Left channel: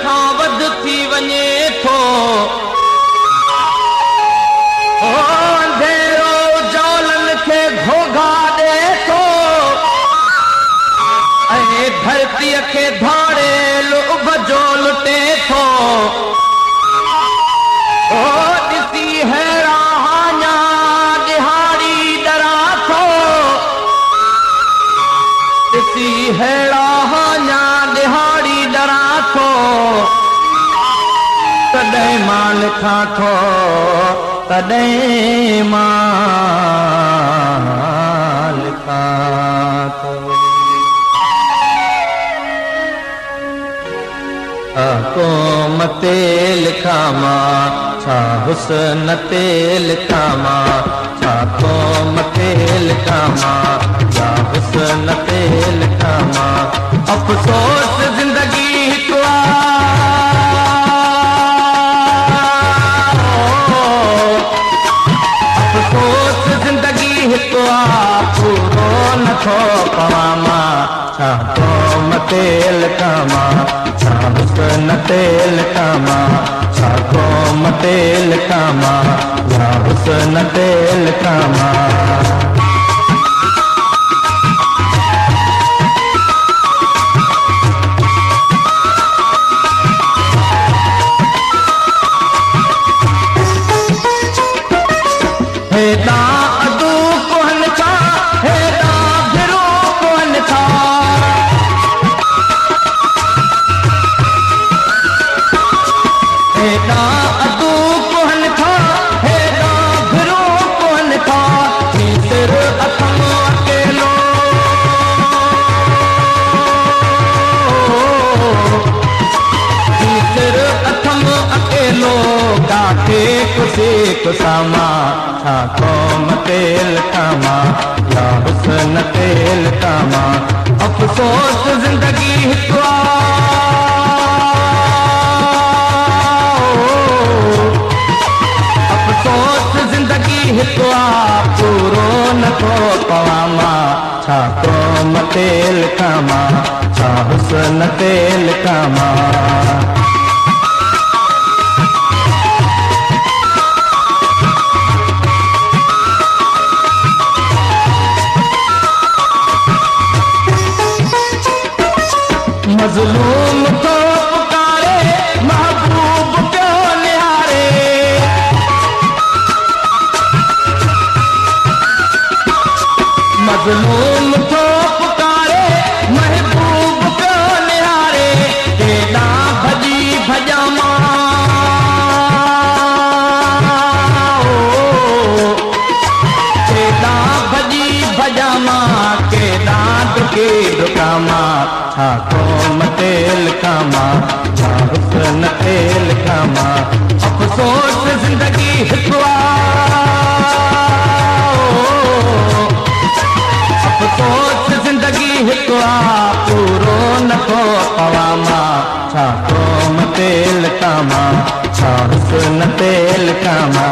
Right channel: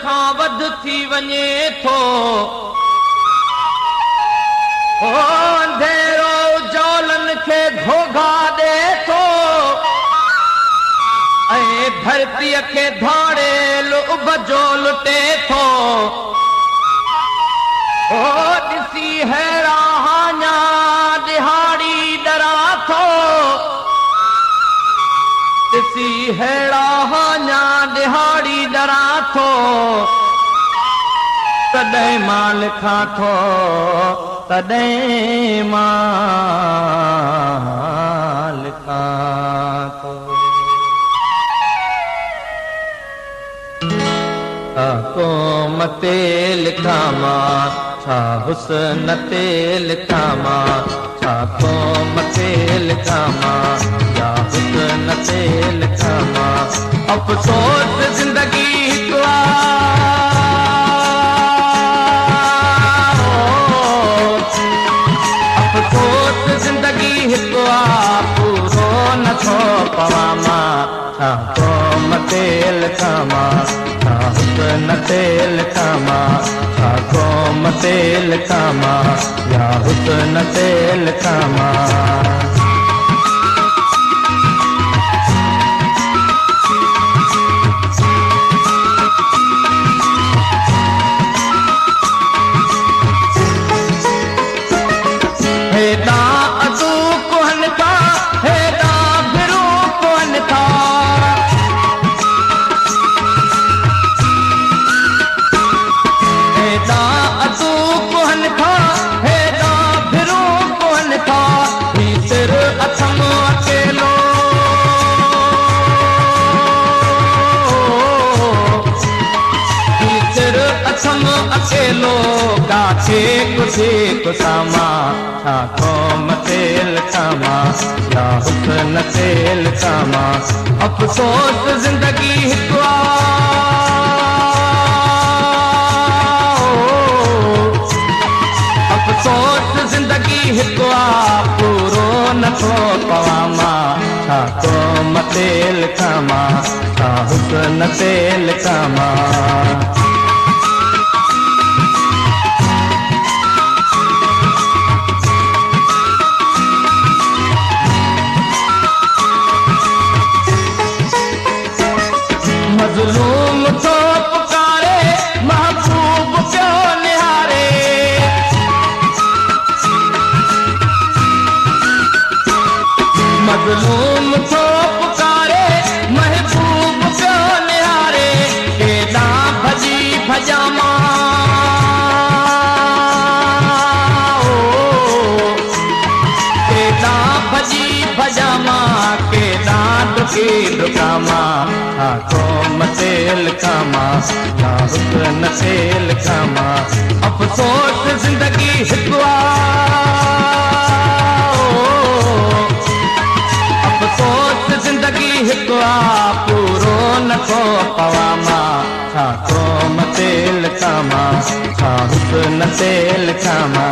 खां वध थी वञे थो। अंधेरो जालनि खे घोघा ॾे थो ऐं धरतीअ खे धाड़े लुभ जो लुटे थो। ॾिसी हैरान दिहाड़ी डरा थो, ॾिसी हैरान दिहाड़ी डरा थो। तॾहिं मां लिखां थो, तॾहिं मां लिखां थो। क़ौम ते लिखां मां, छा हुस्न ते लिखां मां, छा क़ौम ते लिखां मां, छा हुस्न ते लिखां मां। अफ़सोस ज़िंदगी हिकु अफ़सोस ज़िंदगी हिकु पूरो नथो पवां मां। छा क़ौम ते लिखां मां, छा हुस्न ते लिखां मां, छा क़ौम ते लिखां मां, या हुस्न ते लिखां मां। हेॾां अॻू कोहनि था, हेॾां भिरो कोहनि था, हेॾां अॻू कोहनि था, हेॾां भिरो कोहनि था। सिर अथम अकेलो, सिर अथम अकेलो, काथे कुझे कुसामा। छा क़ौम ते लिखां मां, या हुस्न ते लिखां मां। अफ़सोस ज़िंदगी हिकु अफ़सोस ज़िंदगी हिकु पूरो नथो पवां मां। छा क़ौम ते लिखां मां, छा हुस्न ते लिखां मां। मज़लूम को पुकारे महबूब जो निहारे, मज़लूम को पुकारे महबूब जो निहारे। केॾां भॼी भॼां मां, केॾां भॼी भॼां मां, केॾां डुकी डुकां मां। छा क़ौम ते लिखां मां, छा हुस्न ते लिखां मां। अफ़सोस ज़िंदगी हिकु अफ़सोस ज़िंदगी हिकु पूरो नथो पवां मां। छा क़ौम ते लिखां मां, छा हुस्न ते लिखां मां।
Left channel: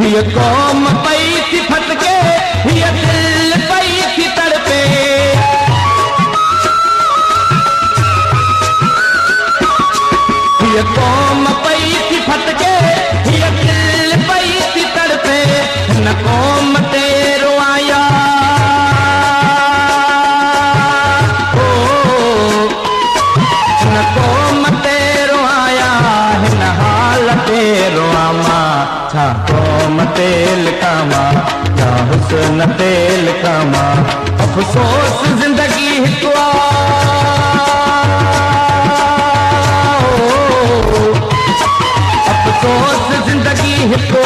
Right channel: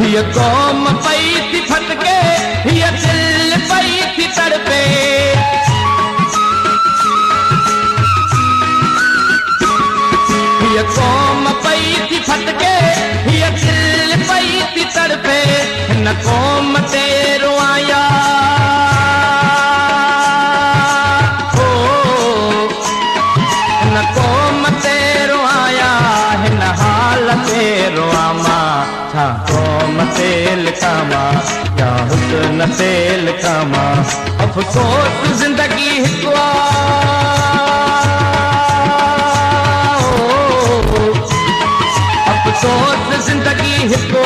हीअ क़ौम पई थी फटके, हीअ दिल पई थी तड़पे, हीअ क़ौम पई थी फटके, हीअ दिल पई थी तड़पे। हिन क़ौम ते रोआया, हिन क़ौम ते रोआया, हिन हाल ते रोआं मां। छा क़ौम ते लिखां मां, या हुस्न ते लिखां मां। अफ़सोस ज़िंदगी हिकु अफ़सोस ज़िंदगी हिकु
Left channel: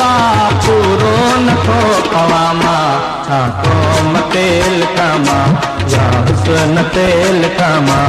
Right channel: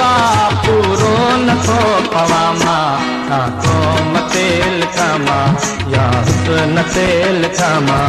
पूरो नथो पवां मां। छा क़ौम ते लिखां मां, या हुस्न ते लिखां मां।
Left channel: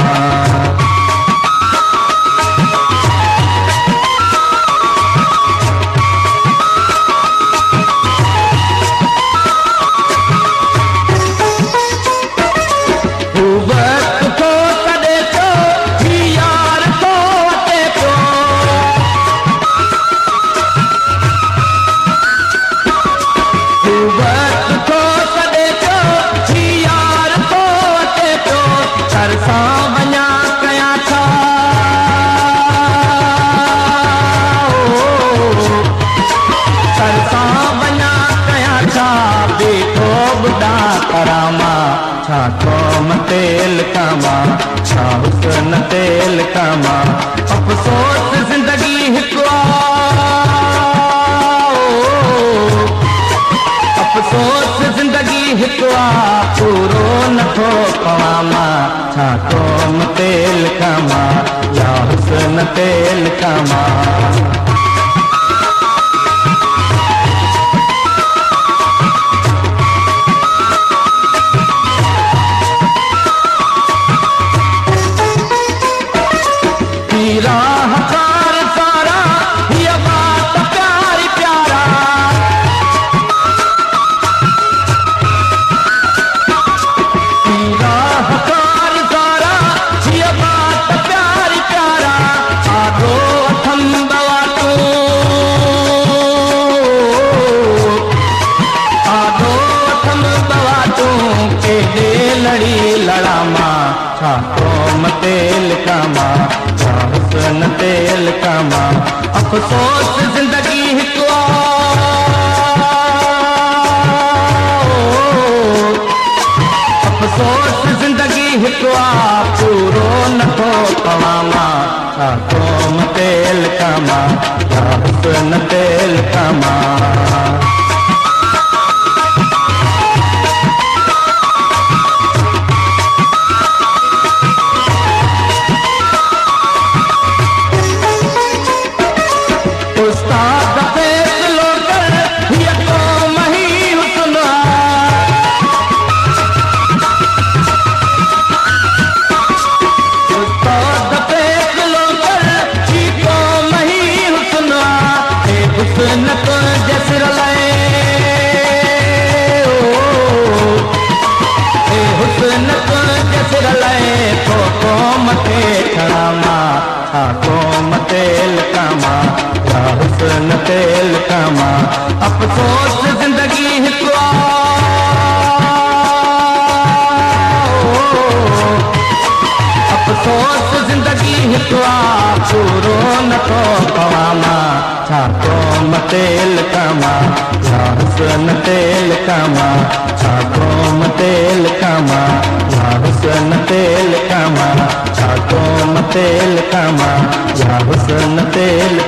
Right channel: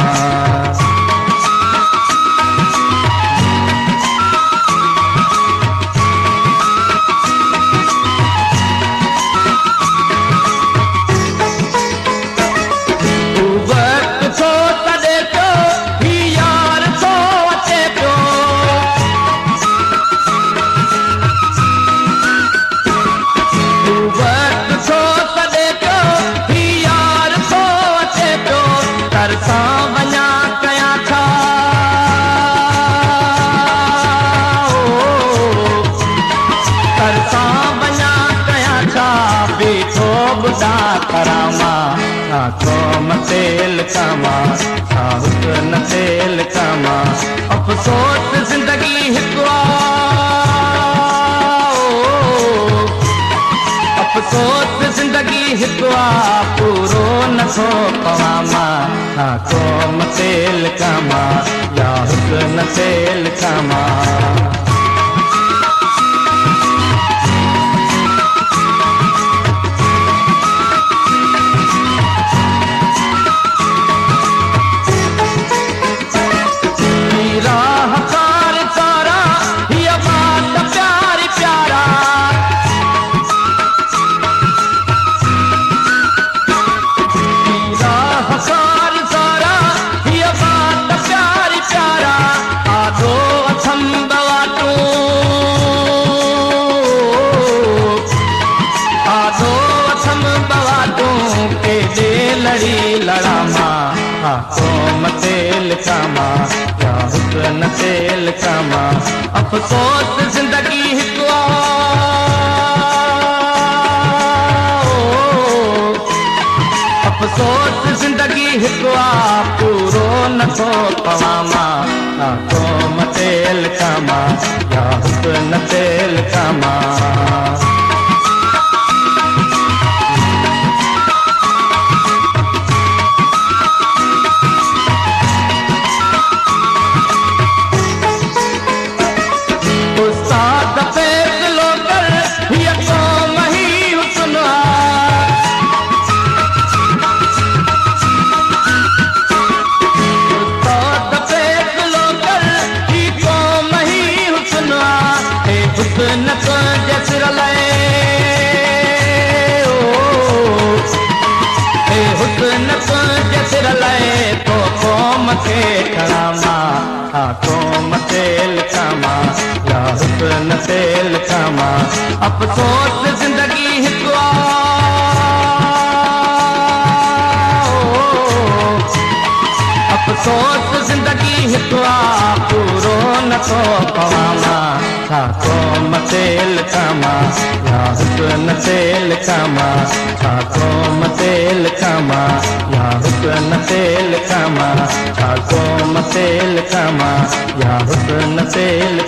तेल कामा छा हुस्न तेल कामा अफ़सोस ज़िंदगी हिकु अफ़सोस ज़िंदगी हिकु पूरो नथो पवाना छा कौम तेल कामा या हुस्न तेल कामा तेल कामा हुस्न तेल कामा अफ़सोस ज़िंदगी हिकु अफ़सोस ज़िंदगी हिकु पूरो नथो पवाना कौम तेल कामा या हुस्न तेल कामा उस्ताद फैसलो कर ये कौम ही हुस्न उस्ताद फैसलो कर ये कौम ही हुस्न ए हुस्न को जसर लाए ए हुस्न को जसर लाए तो कौम के खड़ामा कौम तेल कामा हुस्न तेल कामा अफ़सोस ज़िंदगी हिकु अफ़सोस ज़िंदगी हिकु पूरो नथो पवाना छा कौम तेल कामा या हुस्न तेल कामा छा कौम तेल कामा या हुस्न तेल कामा छा कौम तेल कामा या हुस्न तेल